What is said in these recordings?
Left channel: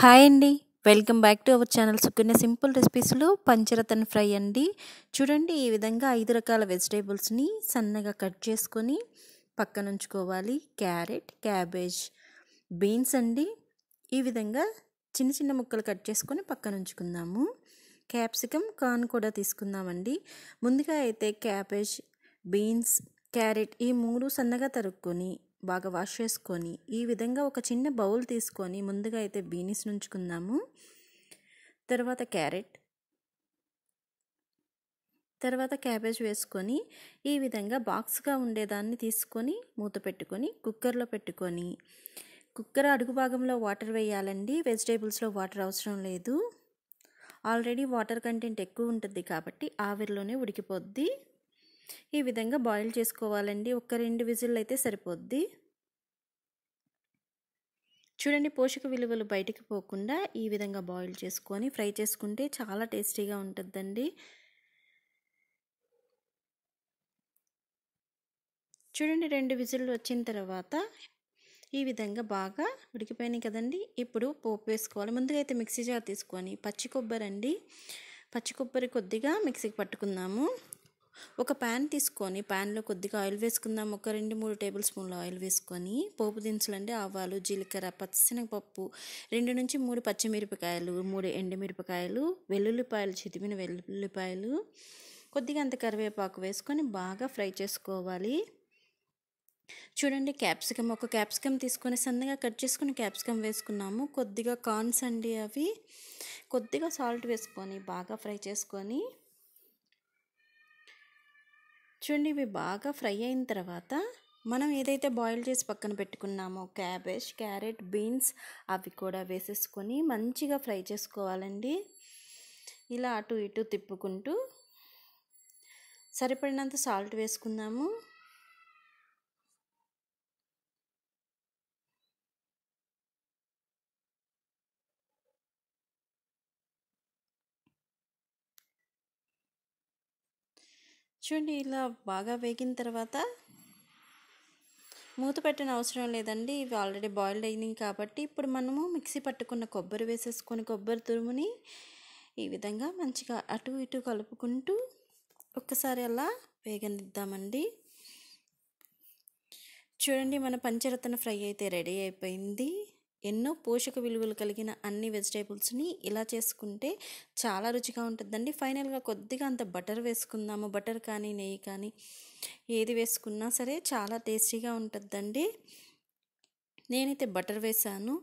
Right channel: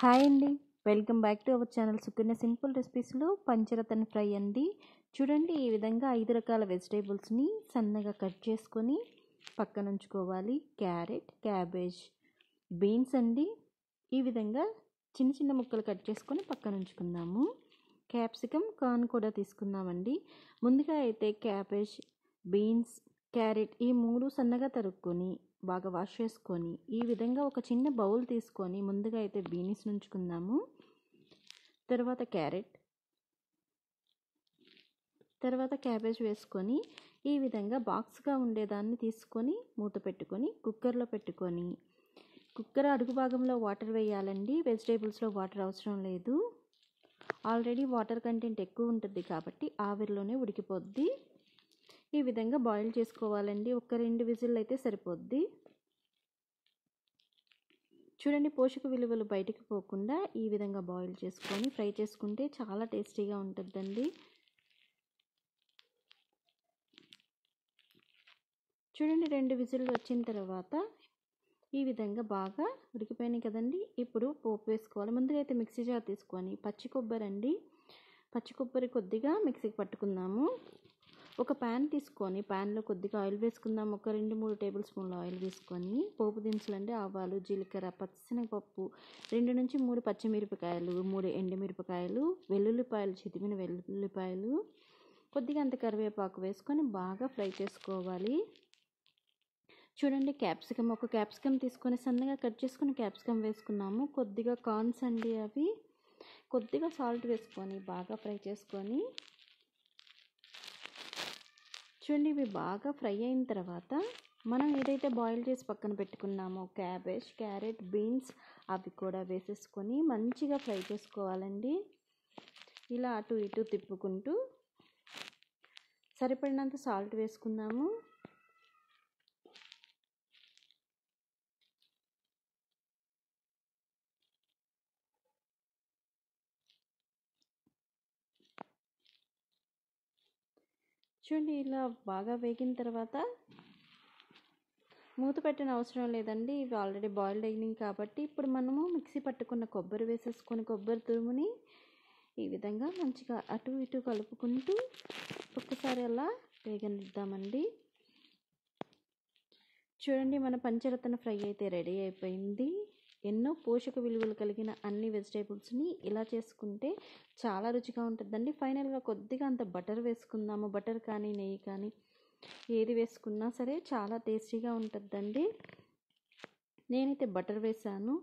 Hi అండి. Welcome back to our channel Sukanya simple రెసిపీస్‌లో Pancharatna fry అండి. చూడండి ఈ విధంగా 5 రకాల వెజిటబుల్స్‌ని సన్నగా కట్ చేసుకొని పక్కనుంచుకోవాలి. క్యారెట్, క్యాబేజ్, బీన్స్ అండి. ఈ విధంగా చిన్న చిన్న ముక్కలు కట్ చేసుకొని పక్కనుంచుకుందాము. క్యాప్సికమ్, కార్న్ కూడా తీసుకుందామండి. ముందుగా అయితే క్యాబేజ్, బీన్స్, క్యారెట్ ఈ 3 సన్నగా తరుక్కొని బాగా వాష్ చేసుకొని ఈ విధంగా ఒక చిన్న బౌల్ తీసుకొని ముందుగా అయితే బీన్స్ నుంచుకుందాము. తర్వాత క్యారెట్, తర్వాత క్యాబేజ్ వేసుకొని ఈ విధంగా బాక్స్గా ఉండేదాన్ని తీసుకొని మూత పెట్టుకొని కుక్కర్లో పెట్టుకొని కుక్కర్ అడుగు భాగంలో వాటర్ వేయాలండి. వెజిటేబుల్స్లో వాటర్ అవసరం లేదు. ఆల్రెడీ వాటర్ కంటెంట్ ఎక్కువ ఉంటుంది కాబట్టి ఆవిరిలోనే ఉడికిపోద్ది. ఈ విధంగా బాయిల్ చేసుకోవాలండి. ఒక 2 విజిల్లు అయితే సరిపోద్ది. చూడండి పోషక విలువలు బయటికి పోకుండా ఈ విధంగా బాయిల్ చేసుకొని ఫ్రై చేసుకుంటే చాలా టేస్టీగా ఉంటుందండి. చూడండి 2 విజిల్లు వచ్చిన తర్వాత ఈ విధంగా బాగా ఉడికిపోయినాయి కదండి. ఇప్పుడు పోపు వేసుకోవాలి. ముందుగా అయితే మిక్సీ జార్ తీసుకొని పచ్చి కొబ్బరి అండి, పచ్చి కొబ్బరి కొద్దిగా మిక్సీకి పట్టుకుందాము. ఒక ప్యాన్ తీసుకొని ప్యాన్లో కొద్దిగా ఆయిల్ వేసుకుందాం. ఒక 2-3 టేబుల్ స్పూన్ల ఆయిల్ వేసుకొని పోపు దినుసులండి ఆవాలు, జీలకర్ర, పచ్చిశనగపప్పు, 2-3 పచ్చిమిరపకాయలు, 3 ఎండుమిరపకాయలు, వెల్లుల్లిపాయలు, చితిమిన వెల్లుల్లిపాయలు, కొద్దిగా అంత కరివేపాకు వేసుకొని బాగా ఫ్రై చేసుకోవాలి. చూడండి క్యాప్సికమ్, ఒక క్యాప్సికమ్ తీసుకొని సన్నగా కట్ చేసుకొని క్యాప్సికమ్ వేసుకున్నాము. కొద్దిగా కార్న్స్ అండి, అవి కొద్దిగా సాల్ట్ వేసుకొని బాగా ఫ్రై చేసుకొని చూడండి ఇవి బాగా ఫ్రై అయిన తర్వాత మనం ఏదైతే బాయిల్ చేసి పక్కన పెట్టుకున్నామో క్యాబేజ్, క్యారెట్, బీన్స్ అవి కూడా వేసేసుకొని మంచిగా ఫ్రై చేసుకోవాలండి. ఇలా అటు ఇటు తిప్పుకుంటూ సరిపడినంత సాల్ట్ వేసుకుందాము. చూడండి ఇలా బాగా వేగిన తర్వాత మూత పెట్టిన అవసరం లేదండి. ఇవి ఆల్రెడీ బాయిల్డ్ అయినాయి కాబట్టి ఇప్పుడు మనము మిక్సీ పట్టుకున్న కొబ్బరి వేసేసుకొని కొబ్బరి తురుముని ఈ విధంగా మంచిగా అటు ఇటు కలుపుకుంటూ ఒక్కసారి అలా వేగనిద్దామండి. చూడండి మన పంచరత్న ఫ్రై అయితే రెడీ అయిపోయింది. ఎన్నో పోషక విలువలు కలిగిన అన్ని వెజిటేబుల్స్ని ఇలా చేసుకుంటే చాలా రుచిగా ఉంటుందండి. ఫైనల్గా కొద్దిగా అంత బటర్ వేసుకుందాము. బటర్ కానీ నెయ్యి కానీ ఏది వేసుకున్నా సరే చాలా టేస్టీగా ఉంటుందండి. నేనైతే బటర్ వేసాను.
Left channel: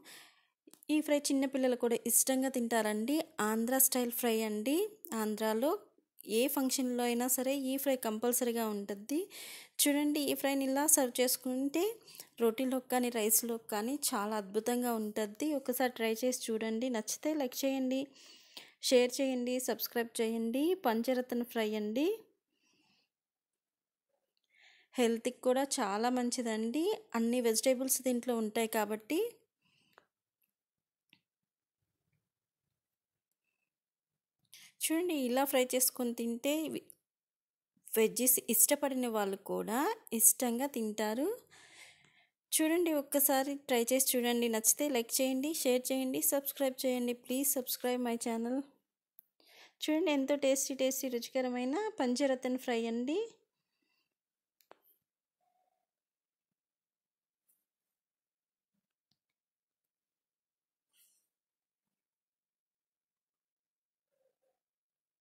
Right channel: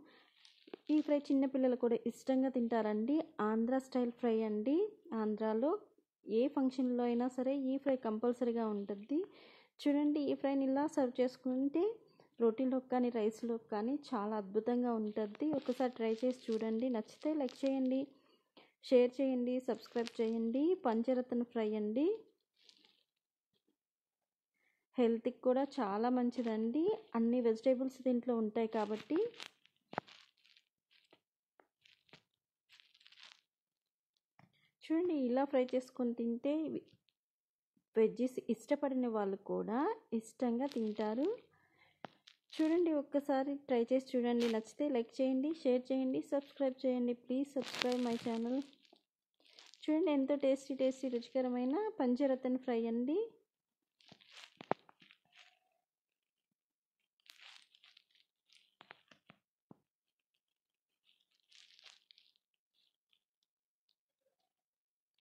ఈ ఫ్రై చిన్నపిల్లలు కూడా ఇష్టంగా తింటారండి. ఆంధ్ర స్టైల్ ఫ్రై అండి. ఆంధ్రాలో ఏ ఫంక్షన్లో అయినా సరే ఈ ఫ్రై కంపల్సరీగా ఉంటుంది. చూడండి ఈ ఫ్రైని ఇలా సర్వ్ చేసుకుంటే రోటీలోకి కానీ రైస్లోకి కానీ చాలా అద్భుతంగా ఉంటుంది. ఒకసారి ట్రై చేసి చూడండి. నచ్చితే లైక్ చేయండి, షేర్ చేయండి, సబ్స్క్రైబ్ చేయండి. పంచరత్న ఫ్రై అండి, హెల్త్కి కూడా చాలా మంచిదండి. అన్ని వెజిటేబుల్స్ దీంట్లో ఉంటాయి కాబట్టి చూడండి ఇలా ఫ్రై చేసుకొని తింటే వెజ్జీస్ ఇష్టపడిన వాళ్ళు కూడా ఇష్టంగా తింటారు. చూడండి ఒక్కసారి ట్రై చేసి చూడండి. నచ్చితే లైక్ చేయండి, షేర్ చేయండి, సబ్స్క్రైబ్ చేయండి. Please subscribe my channel. చూడండి ఎంతో టేస్టీ రుచికరమైన పంచరత్న ఫ్రై అండి.